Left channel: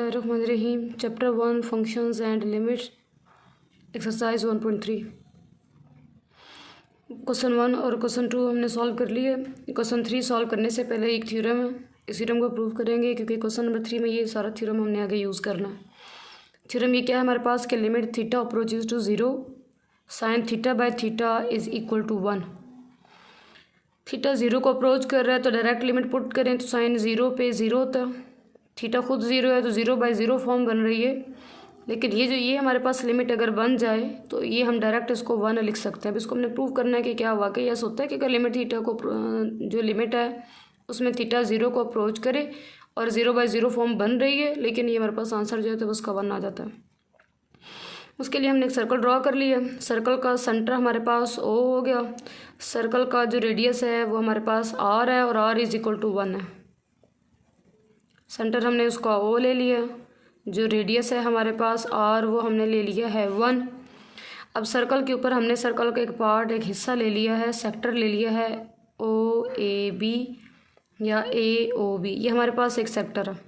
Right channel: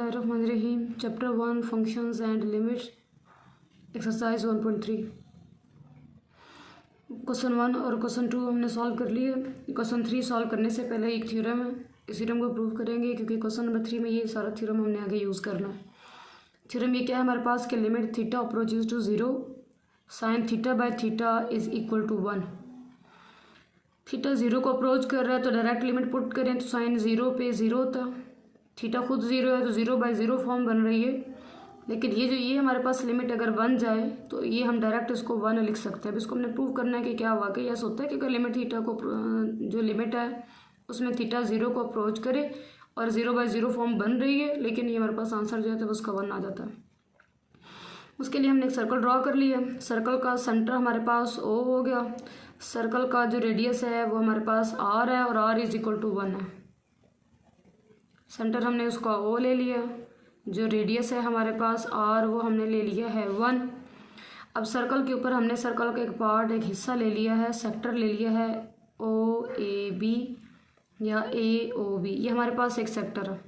बिस्मिल्लाहिर्रहमानिर्रहीम। Chapter 1 functions and limits, exercise 1.3। Question 1 और question 2 हमने सॉल्व कर लिए। क्वेश्चन 3 सॉल्व करने से पहले एक थ्योरम है, इस थ्योरम को प्रूव करेंगे क्योंकि क्वेश्चन नंबर 3 में ये सारा थ्योरम हमने आगे यूज़ करना है। थ्योरम ये क्या है हमारे पास कि limit theta approaches to 0 sine theta by theta is equal to 1। Theta 0 को अप्रोच कर रहा है तो डायरेक्ट लिमिट पुट करें तो साइन 0 पे 0 होता है। थीटा खुद 0 है तो 0/0 फॉर्म बन रही है, लेकिन ये हमारे पास लिमिट अगर बन जाए तो ये हम डायरेक्ट इसको 1 लिख सकते हैं। अब इसको हमने प्रूव करना है कि क्या वाकई ऐसा होता है कि अगर लिमिट थीटा को जो लिमिट है उसमें थीटा 0 को अप्रोच करे और 0/0 फॉर्म बन रही है, लेकिन ये हमारे पास आंसर जो है तो उसका 1 आ जाता है। उसके लिए हमने एक सर्कल ड्रॉ कर लिया। सर्कल का सेंटर हमारे पास O हो गया। सर्कल का जो रेडियस है वो हमारे पास R है और R इज इक्वल टू 1 है। सेंटर हमने उसका O ले लिया। जो रेडियस है हमारे पास R वो हमने ले लिया है 1। अब सर्कल के ऊपर हमने सर्कल का एक पार्ट, एक हिस्सा ले लिया है, सेक्टर ले लिया है OAB या AOB। ये हमारे पास एक सेक्टर है,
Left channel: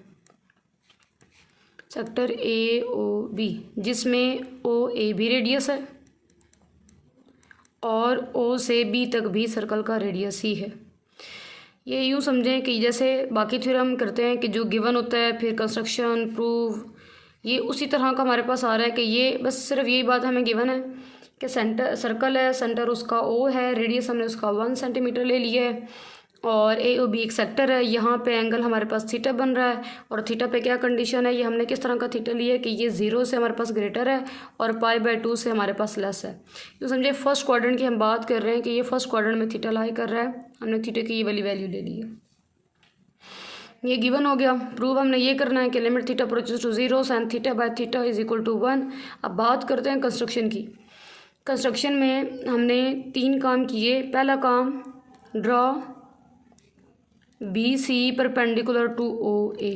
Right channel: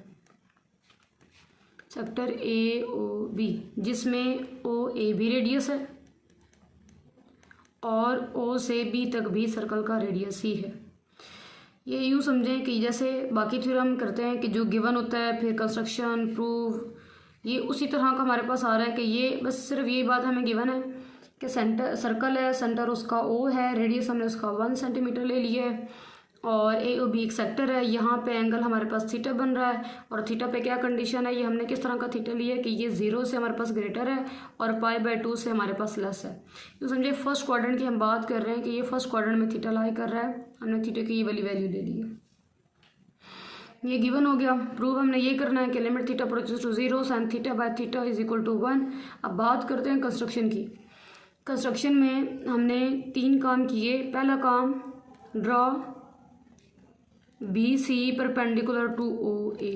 सेक्टर AOB, जिसमें OAB रेडियस है और O से B तक भी सर्कल का रेडियस ही है। ये यूँ समझें कि जैसे बाकी थ्योरम करते हैं कि जो गिवन होता है फिर कंस्ट्रक्शन प्रूव, ये उसी तरह का हमारे पास आ रहा है कि ये बस सिर्फ यही बात हमें गिवन है कि सेंटर सर्कल है, सेंटर उसका O है, रेडियस हमने उसका 1 सेंटीमीटर ले लिया है और AOB एक सेक्टर है। यहाँ पे एंगल हमारे पास थीटा बन रहा है और थीटा पे क्या कंडीशन है, ये हमने किस तरह का थीटा लिया है कि ये 0 से हमारे पास ग्रेटर है और π/2 से हमारे पास लेस है। तो समझे फर्स्ट क्वाड्रेंट की हम बात कर रहे हैं कि ये फर्स्ट क्वाड्रेंट में थीटा लाई कर रहा है, हमने थीटा की ये वाली वैल्यू ले ली है। ये गिवन हो गया। प्रूव हमने ये करना है कि limit theta approaches to 0 sine theta by theta is equal to 1। अब बात करते हैं कंस्ट्रक्शन की। कंस्ट्रक्शन में हमने 3 काम किए। पहला काम, draw BC perpendicular to OA।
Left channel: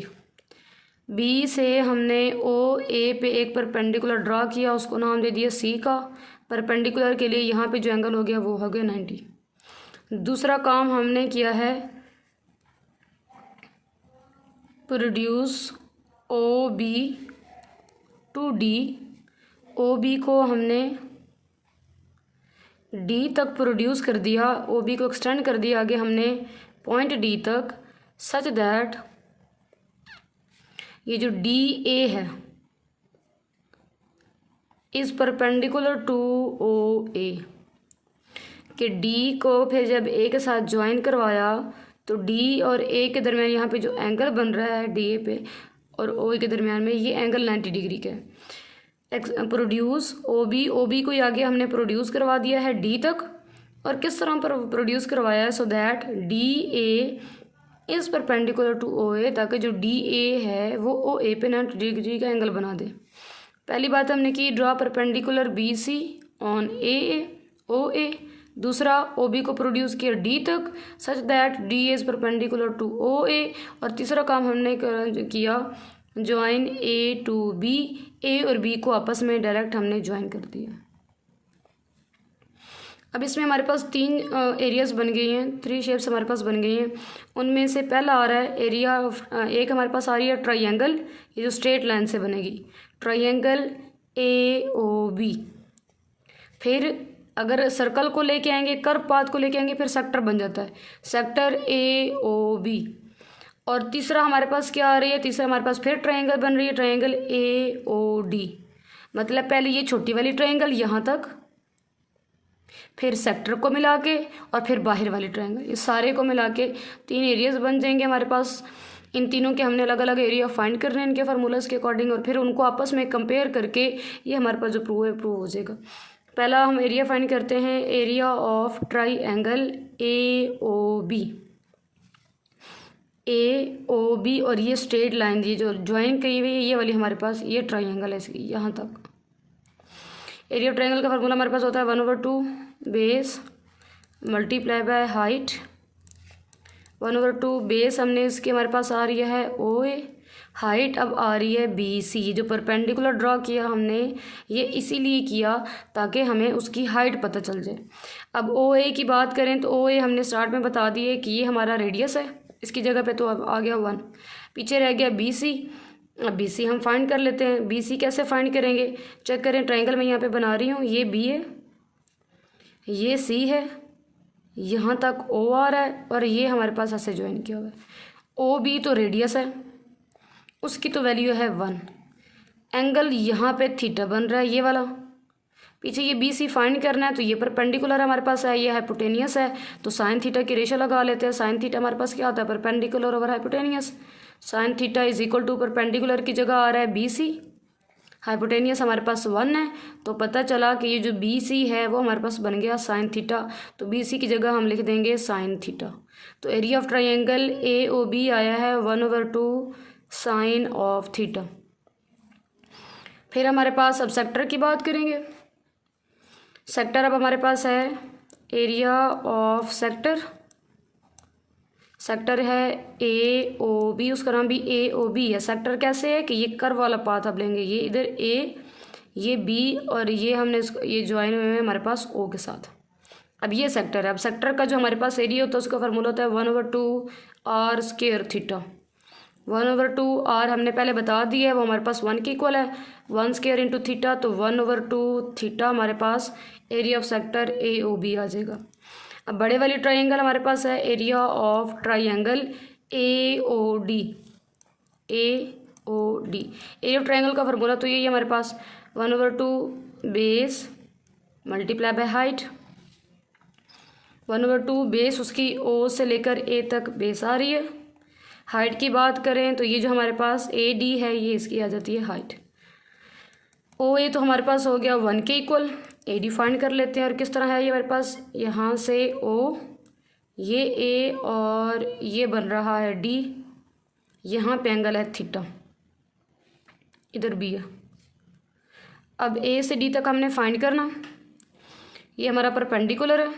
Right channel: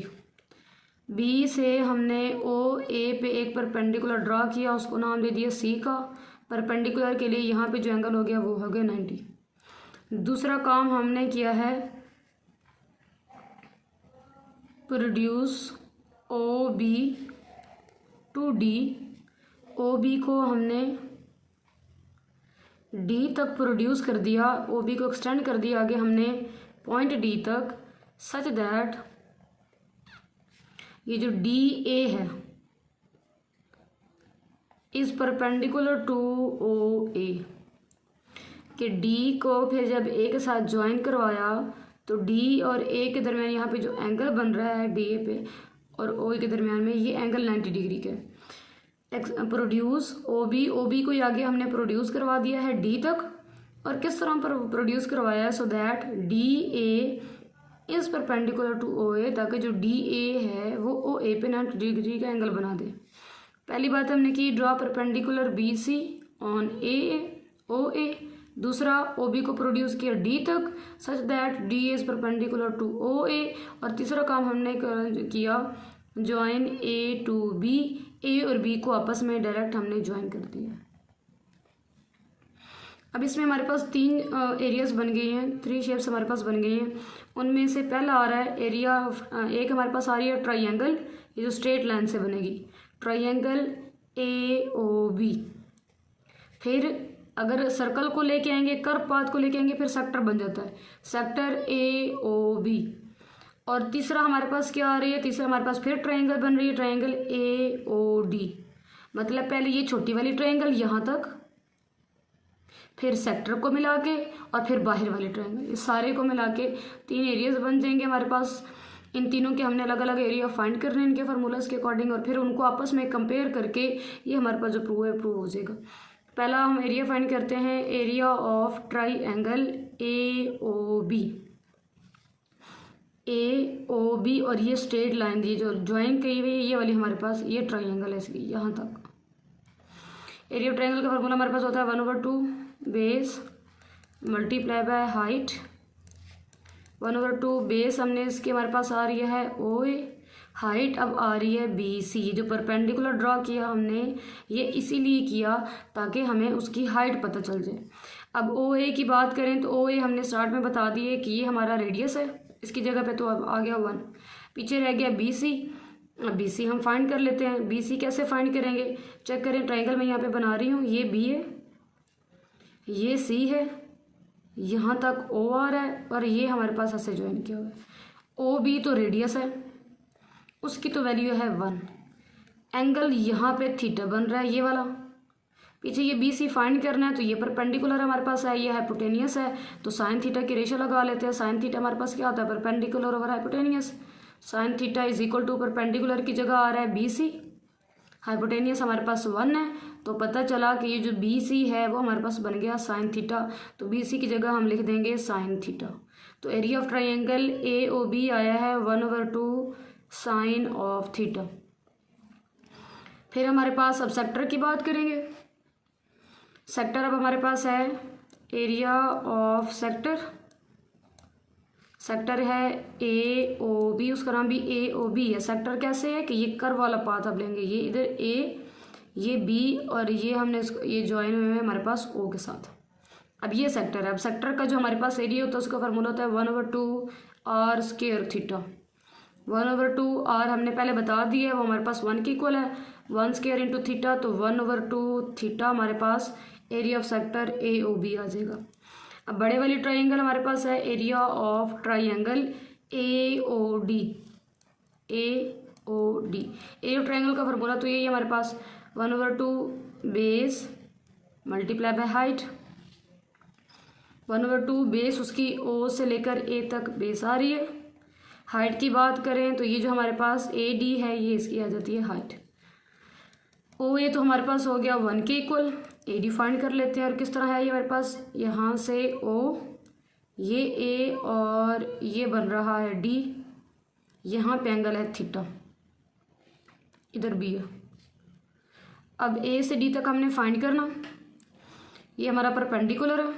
B से हमने OA पे एक परपेंडिकुलर ड्रा किया, उसको नाम दे दिया C का। परपेंडिकुलर के लिए यहाँ पे जो एंगल हो गया वो हो गया 90। दूसरा काम हमने किया है, produce OB to D। OB को हमने D तक प्रोड्यूस कर दिया, OB को एक्सटेंड कर दिया आगे हमने पॉइंट D तक, सच दैट ये जो DA है इज परपेंडिकुलर टू OA। कि D को फिर जब A के साथ ज्वाइन करवाया तो D और A के दरमियान यहाँ पे जो एंगल बन रहा है DA पे और OA के दरमियान में, ये एंगल 90 डिग्री का है। प्रोड्यूस OB को आगे हमने प्रोड्यूस करवा दिया है D तक, और किस तरह पर प्रोड्यूस करवाया है, so that DA is perpendicular to OA, ताकि जो DA है वो OA पे 90 डिग्री का एंगल बना दे। पहली बात हमने की, draw perpendicular BC on OA। दूसरा, OB को प्रोड्यूस किया D तक such that DA is perpendicular to OA। और तीसरा काम हमने किया, join A to B। A और B को आपस में डायरेक्ट हमने ज्वाइन कर दिया। अब इसमें हमारे पास 3 एरियाज़ बन गई हैं, 3 शेप्स हमारे पास बन गई हैं। उनमें से पहला आ रहा है एरिया एक हमारे पास आ रही है ट्राइंगल, ये जो स्ट्रेट लाइन से बनेगी, ट्राइंगल AOB। फिर अगर सर्कल को लेके आएंगे, कर्व पाथ को लेके आएंगे, फिर सेक्टर बन जाता है, सेक्टर AOB। और तीसरा हमारे पास क्या आ रही है, तीसरा हमारे पास फिर ट्राइंगल बन रही है, ट्राइंगल AOD। मतलब पहले ये छोटी वाली ट्राइंगल यहाँ तक, फिर सेक्टर को मिला के और फिर बाहर वाली ट्रायंगल, ये सारे को मिला के 3 एरियाज़ बन जाएंगे हमारे पास। इन तीनों के हमने अलग अलग एरिया फाइंड करने हैं इनके फार्मूलाज के अकॉर्डिंग, और फिर उनको आपस में कंपेयर करके ये हमारे पास जो प्रूव है प्रूव हो जाएगा। पहला हम एरिया फाइंड करते हैं, एरिया ऑफ ट्राइंगल AOB। और ये स्ट्रेट लाइन ये जो ज्वाइन की हुई है ये वाली हमारे पास ये ट्राइंगल है इसकी यहाँ तक। एरिया ऑफ ट्राइंगल का फार्मूला हमारे पास होता है 1/2 base multiply by height. 1/2 base हमने इसके हमारे पास आ रही है OA, हाइट अब आ रही है BC। जो परपेंडिकुलर ड्रॉ किया हमने ये इसीलिए किया ताकि हमें उसकी हाइट पता चल जाए। अब OA की बात करें तो OA हमने स्टार्ट में बता दिए कि ये हमारा रेडियस है, इसकी जगह पे तो अब आ गया 1, पीछे रह गया BC। अब बी सी हम फाइंड कर लेते हैं। बी सी कैसे फाइंड करेंगे, चेक करें, ट्राइंगल मैं यहाँ पे बना रही हूँ, ये बी है, ये सी है, यहाँ तक ओ आ रहा है और ये हमारे पास ऐसे ज्वाइन किया हुआ है। ओ बी तो रेडियस है, उसकी तो वैल्यू है 1। एंगल यहाँ पे थीटा बन रहा है ये वाला। पीछे ये बी सी फाइंड करना है, तो ये परपेंडिकुलर हमारे पास है, ये हाइपोटेनियस है, तो साइन थीटा की रेशो लगा लेते हैं। साइन थीटा हमारे पास क्या होता है, perpendicular over hypotenuse. Sine theta is equal to perpendicular की जगह आ रहा है बी सी, हाइपोटेनियस हमारे पास 1 है, तो पता चला कि ये जो बी सी है वो हमारे पास बन गया साइन थीटा। तो बी सी की जगह हम लिख देंगे साइन थीटा। तो area of triangle A O B आया है 1/2 साइन ऑफ थीटा। फिर हमारे पास अब सेक्टर की बात करेंगे। सेक्टर अब हमारे पास है एरिया ऑफ सेक्टर। सेक्टर है ए ओ बी, उसका नाम भी ए ओ बी है। सेक्टर कैसे है कि ये कर्व वाला पाथ आप लेंगे, ये इधर ए, ये बी और ये हमने ये ज्वाइन हुए हैं हमारे पास ओ के साथ। अब ये सेक्टर है। अब सेक्टर का जो हमारे पास एरिया होता है उसका फार्मूला होता है 1/2 आर स्क्वायर थीटा। 1/2 आर हमने पहले बता दिया है, वो हमारे पास 1 के इक्वल है, 1 स्क्वायर इंटू थीटा, तो 1/2 थीटा हमारे पास area of sector A O B आ जाएगा। अब बड़े वाली ट्राइंगल हमारे पास है area of triangle A O D. A O D area of triangle का फार्मूला तो यही है हमारे पास 1/2 base multiply by height. 1/2 base उसकी ओ से लेकर ए तक बेस आ रही है। हाइट की बात करें तो ये जो हमारे पास ए डी है ये इसकी आ जाती है हाइट। ओ ए तो हमारे पास हो गया 1 के इक्वल। ए डी फाइंड कर लेते हैं, और किस तरह है ये हमारे पास, यहाँ से ओ, ये ए और ये बन रहा है डी, यहाँ पे एंगल है थीटा, इधर बी है। अब ए से डी तक हमने फाइंड करना, ये हमारा परपेंडिकुलर है,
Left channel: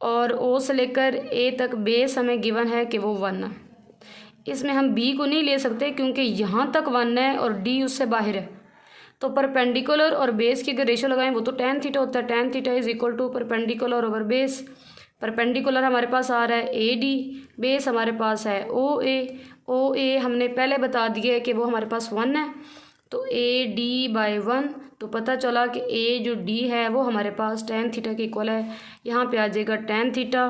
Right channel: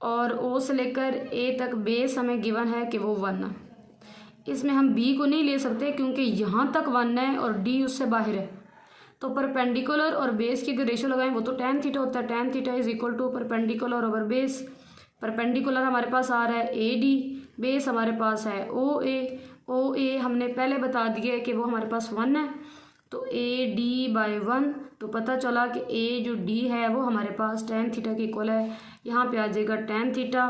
और ओ से लेकर ए तक बेस हमें गिवन है कि वो 1 है। इसमें हम बी को नहीं ले सकते क्योंकि यहाँ तक 1 है और डी उससे बाहर है, तो परपेंडिकुलर और बेस की अगर रेशो लगाएं वो तो tan थीटा होता है। tan theta is equal to perpendicular over base. Perpendicular हमारे पास आ रहा है ए डी, बेस हमारे पास है ओ ए। ओ ए हमने पहले बता दिया है कि वो हमारे पास 1 है, तो ए डी बाई 1, तो पता चला कि ए जो डी है वो हमारे पास tan थीटा के इक्वल है। यहाँ पे आ जाएगा tan theta.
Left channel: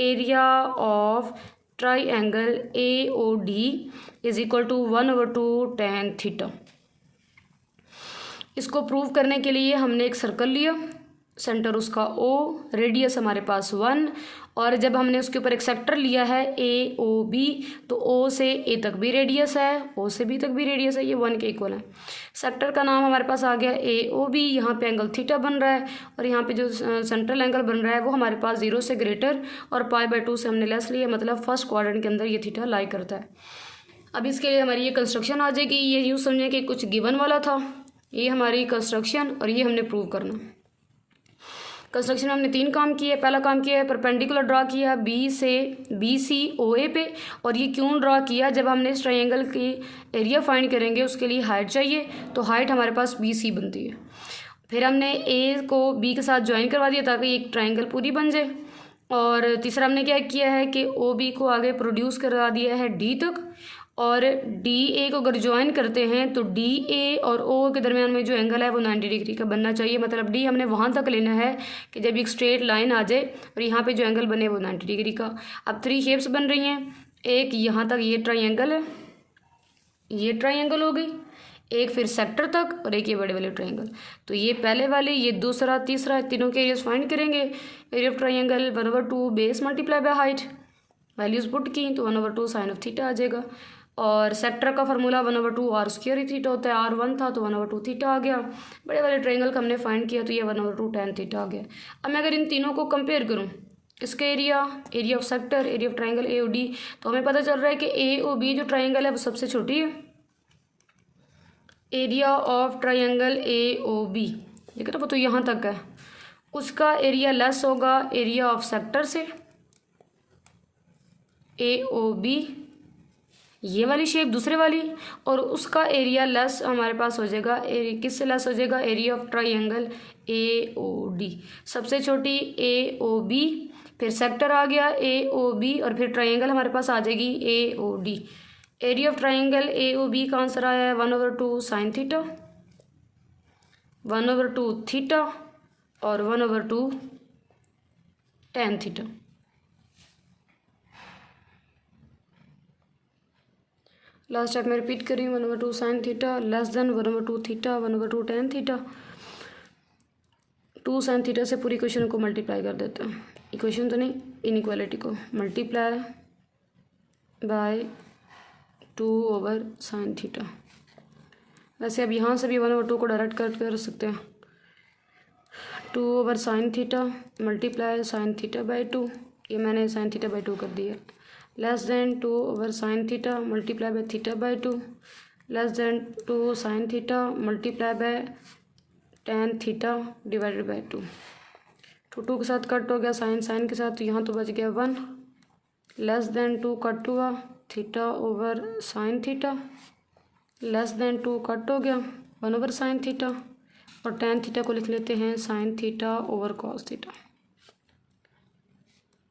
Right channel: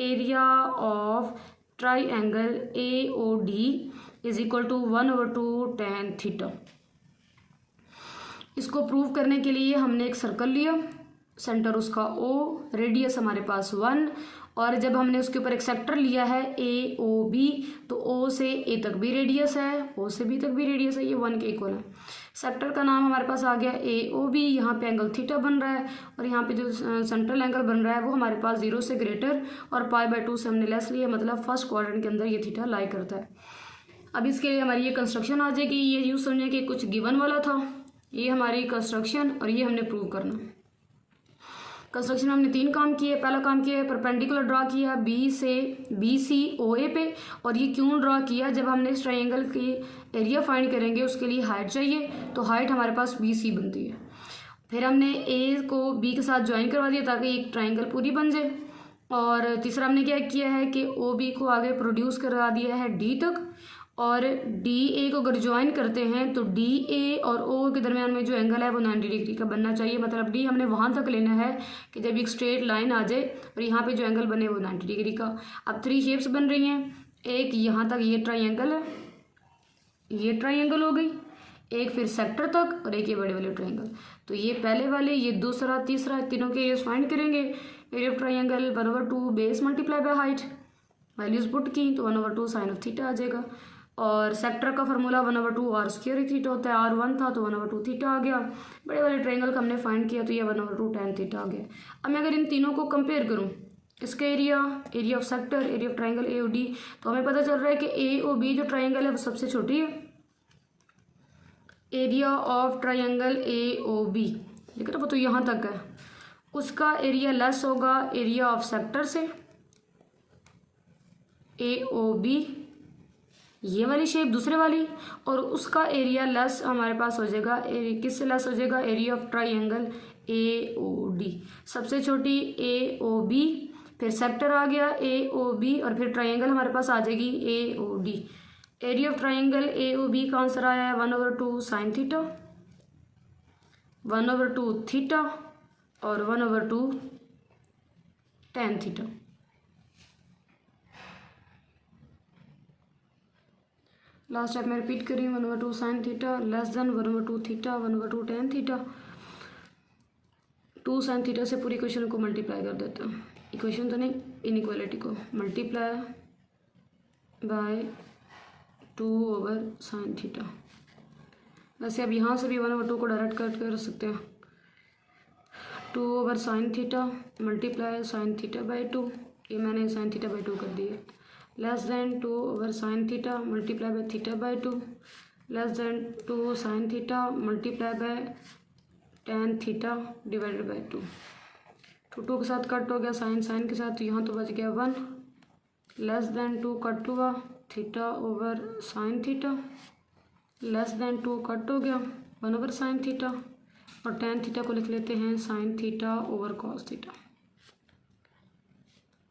Area of triangle A O D is equal to 1/2 tan theta. इसको प्रूव करने के लिए हमने एक सर्कल लिया, सेंटर उसका ओ, रेडियस हमारे पास 1, और जब हमने उसके ऊपर एक सेक्टर लिया है ए ओ बी, तो ओ से ए तक भी रेडियस है, ओ से बी तक भी रेडियस है, ये 1 के इक्वल है। सेक्टर का नाम हमारे पास आ गया ए ओ बी। यहाँ पे एंगल थीटा बन रहा है, और यहाँ पे जो सेंट्रल एंगल बन रहा है वो हमारे पास 0 से ग्रेटर और π/2 से हमने लेस लिया, मतलब फर्स्ट क्वाड्रेंट के अंदर ये थीटा लाई करता है। अब इसके लिए हमारी ये कंस्ट्रक्शन आ जाएगी। ये यूँ समझें कि कुछ गिवन वाला था, ये हमारी कंस्ट्रक्शन, और ये हमने प्रूव करना। कंस्ट्रक्शन में हमने 3 काम किए। पहला काम किया है परपेंडिकुलर ड्रा किया बी से बी सी ओ ए पे, और ये क्यों ड्रा किया, जब हमने इस ट्रायंगल की एरिया फाइंड करेंगे उसके लिए हाइट चाहिए, तो हाइट हमारे पास बी सी बनती है। फिर हमने ए को बी के साथ ज्वाइन करवा दिया ताकि एक ट्रायंगल पूरी बन जाए। और तीसरा हमने क्या किया है कि ओ बी को आगे प्रोड्यूस करा दिया है डी तक, और डी ए को अगर ज्वाइन करते हैं तो डी ए और ओ के दरमियान में जो एंगल है वो 90 डिग्री का बनना चाहिए। मतलब डी हमने वहाँ तक लेना है कि जब एक स्ट्रेट लाइन आ जाए और यहाँ पे जो एंगल बने वो 90 डिग्री का। अब 3 शेप्स बन रही हैं, एक यहाँ तक ये ट्रायंगल है, ये ट्रायंगल हो गई, एक फिर सेक्टर तक, और एक ये बड़े वाले ट्रायंगल। तो ये पहले वाले, ये दूसरा, तीसरा, तीनों के एरियाज फाइंड करेंगे। Area of triangle 1/2 base multiply by height, values put की तो 1/2 साइन ऑफ थीटा आ जाएगा। और सेक्टर का फार्मूला 1/2 आर स्क्वायर ही थीटा होता है, आर 1 था तो 1/2 थीटा आ गया। बड़े वाले ट्रायंगल का हमने फाइंड किया तो ये 1/2 tan थीटा आ गया। अब मैं अगर इन तीनों को कंपेयर करूँ, इसका area, area of sector, area of triangle A O D, तो हमें पता चल रहा है कि ए ओ बी जो ट्रायंगल है वो सबसे छोटी है। Area of triangle A O B, ठीक है ना, वो तो यहाँ तक है, उसका एरिया लेस होगा एरिया ऑफ सेक्टर से। ए ओ बी ये वाली शेप दूसरे वाली, और उसका एरिया लेस हमारे पास हो जाएगा, किससे लेस हो जाएगा, area of triangle A O D. सबसे छोटी ए ओ बी, फिर सेक्टर आ गया ए ओ बी, और फिर ट्रायंगल हमारे पास आ जाएगी A O D. Area of triangle A O B का आंसर आया है 1/2 साइन थीटा, 1/2 थीटा और 1/2 tan थीटा। लास्ट स्टेप में रिपीट करी 1/2 sine theta less than 1/2 theta 1/2 tan theta. 2 sine theta से पूरी इक्वेशन को मल्टीप्लाई कर देते हैं, इक्वेशन तो नहीं इनइक्वालिटी को, मल्टीप्लाई बाय 2 साइन थीटा। वैसे अब यहाँ से भी 1/2 को डायरेक्ट कट कर सकते हैं, 2 sine theta multiply sine theta by 2, ये मैंने साइन थीटा बाई 2 कर दिया, less than 2 sine theta multiply by theta by 2 less than 2 sine theta multiply by tan theta divided by 2। 2 के साथ कट हो गया, साइन के साथ, तो यहाँ तो बच गया 1 लेस देन 2 कट हुआ theta over sine theta less than 2 cut हो गया 1 साइन थीटा और tan थीटा को लिख लेते हैं sine theta over cos theta.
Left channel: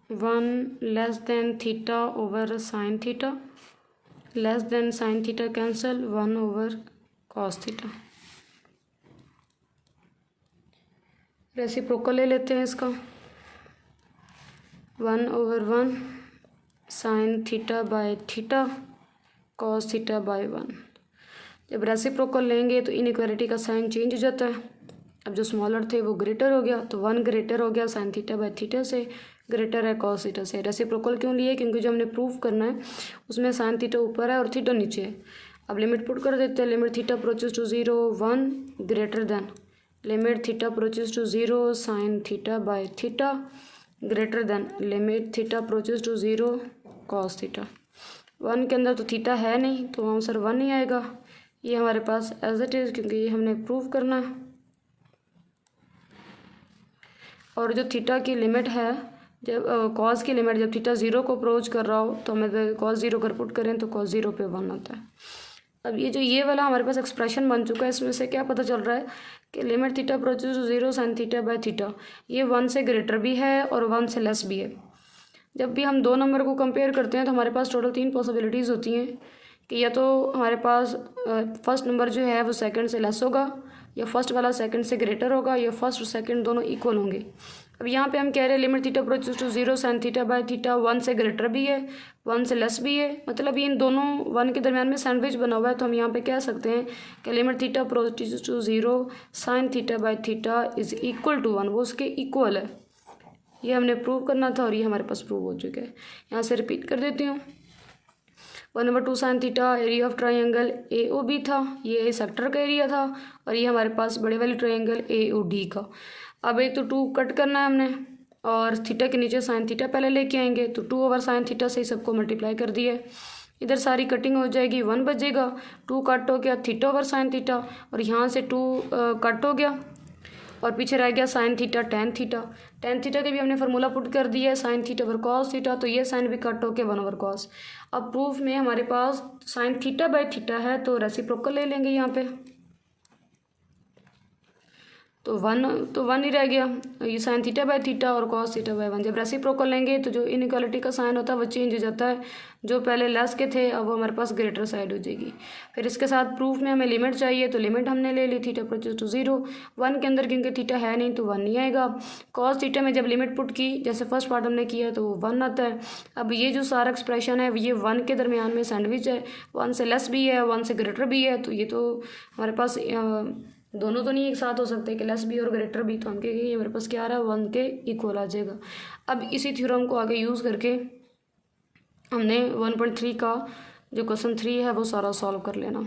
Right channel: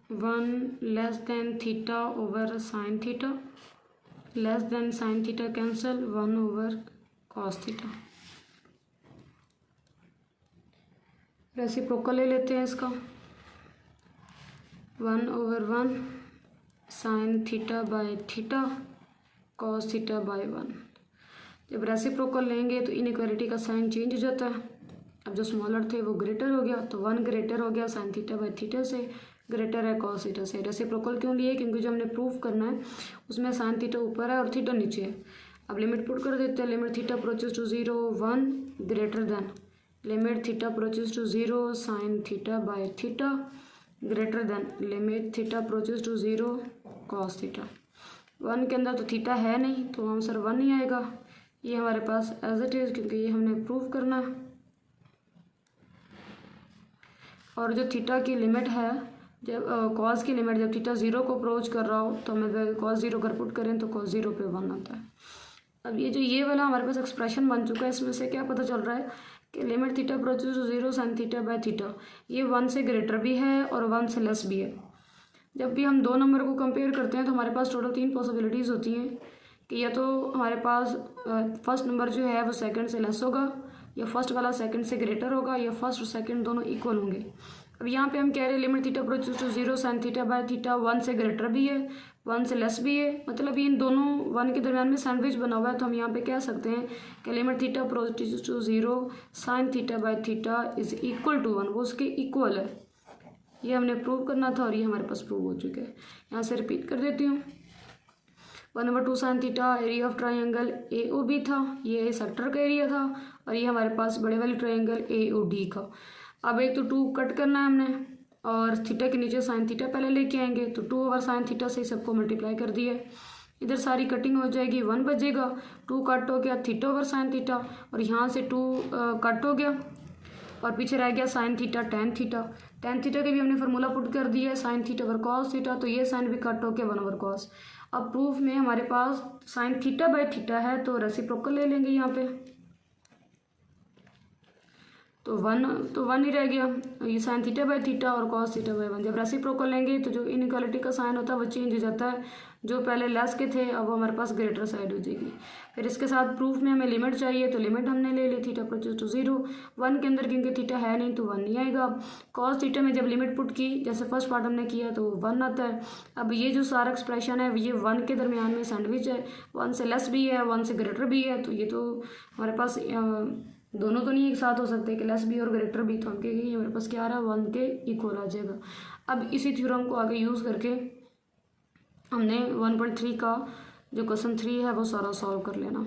1 less than theta over sine theta less than sine theta cancel 1 over cos theta. Reciprocal ले लेते हैं इसका, 1/1 sign theta by theta cos theta by 1। जब रेसिप्रोकल लेंगे तो इनइक्वालिटी का साइन चेंज हो जाता है, अब जो स्मॉलर थे वो ग्रेटर हो गया, तो 1 ग्रेटर हो गया साइन थीटा बाय थीटा से, ग्रेटर है कॉस थीटा से। रेसिप्रोकल क्यों लिए, क्योंकि जो हमने प्रूफ करना है उसमें साइन थीटा ऊपर है और थीटा नीचे है। अब लिमिट पुट कर देते हैं, limit theta approaches to 0 1 greater than limit theta approaches to 0 sine theta by theta greater than limit theta approaches to 0 cos theta. 1 के अंदर तो थीटा है नहीं तो आंसर 1 ही आएगा, ये हमारे पास एज इट इज़, क्योंकि ये हमने प्रूव करना है। और जो थीटा की लिमिट है, जब कॉस की लिमिट जब थीटा 0 को अप्रोच कर रहा हो तो हमें कॉस 0 अगर पुट करें तो कॉस 0 पे 1 आता है। अब ये वाला हमारे पास एक्सप्रेशन बन चुका है, इसमें से क्या पता चल रहा है कि limit theta approaches to 0 sine theta by theta ये 1 से ग्रेटर भी है और 1 से लेस भी है। जब भी हम दो नंबर को कंपेयर करते हैं तो हमारे पास टोटल 3 पॉसिबिलिटीज़ होती हैं कि या तो हमारे पास फर्स्ट नंबर जो है वो सेकंड से लेस होगा, या फर्स्ट वाला सेकंड से ग्रेटर होगा, या फर्स्ट और सेकंड दोनों इक्वल होंगे। अब यहाँ पे हम कह रहे हैं limit theta approaches to 0 sine theta by theta 1 से ग्रेटर भी है 1 से लेस भी है, मतलब ये इन दोनों 1 के दरमियान में सैंडविच बना हुआ है। तो हम यहाँ पे कह सकते हैं कि limit theta approaches to 0 sine theta by theta is equal to 1, वो उसके इक्वल है। ये हमने प्रूव करना था और ये हमारे पास प्रूव हो चुका है। यहाँ से रिपीट कर देती हूँ, 1/2 sine theta area of triangle AOB था, ये सेक्टर का एरिया था, और ये हमारे पास बड़े वाले ट्राइंगल AOD का। अब एक तो 2 कट करना है हमने और थीटा के नीचे साइन थीटा पहले लेके आएंगे, तो 2 साइन थीटा से ही सबको मल्टीप्लाई कर दिया। इधर सारी कटिंग हो जाएगी, 1 बचेगा, 2 कट हो गया थीटा साइन थीटा, और यहाँ से 2 कट हो गया और पीछे रह गया sine theta tan theta. tan theta के भी हमने फार्मूला पुट कर दिया है sine theta over cos theta, तो ये साइन भी कट हो के 1 ओवर कॉस। अब प्रूफ में हमारे पास साइन थीटा बाय थीटा है तो रेसिप्रोकल ले लेंगे यहाँ पे, तो 1 ही रह गया, ये साइन थीटा बाय थीटा और कॉस थीटा बाय 1। जब रेसिप्रोकल लेंगे तो जो इनइक्वालिटी का साइन होता है वो चेंज हो जाता है, जो पहले लेस के थे अब वो हमारे पास ग्रेटर साइड हो जाएगी। फिर इसके साथ प्रूफ में हमें लिमिट चाहिए, तो लिमिट हमने ले ली थीटा अप्रोचेस टू 0 1 के अंदर, क्योंकि थीटा है नहीं तो 1 नहीं आएगा। कॉस थीटा में जब लिमिट पुट की जैसे फर्स्ट पार्ट हमने किया तो वो 1 आता है। अब ये जो सारा एक्सप्रेशन है ये 1 के दरमियान में सैंडविच है, 1 से लेस भी है 1 से ग्रेटर भी है, तो ये तो हमारे पास दोनों तो नहीं एक साथ हो सकते कि लेस भी और ग्रेटर भी, तो हम कहेंगे ये मेरे पास क्या आ रहा है 1 के इक्वल आ जाएगा। अब इसी थ्योरम को आगे यूज़ करके हमने 1.3 का जो क्वेश्चन 3 है वो सारा सॉल्व कर लेना।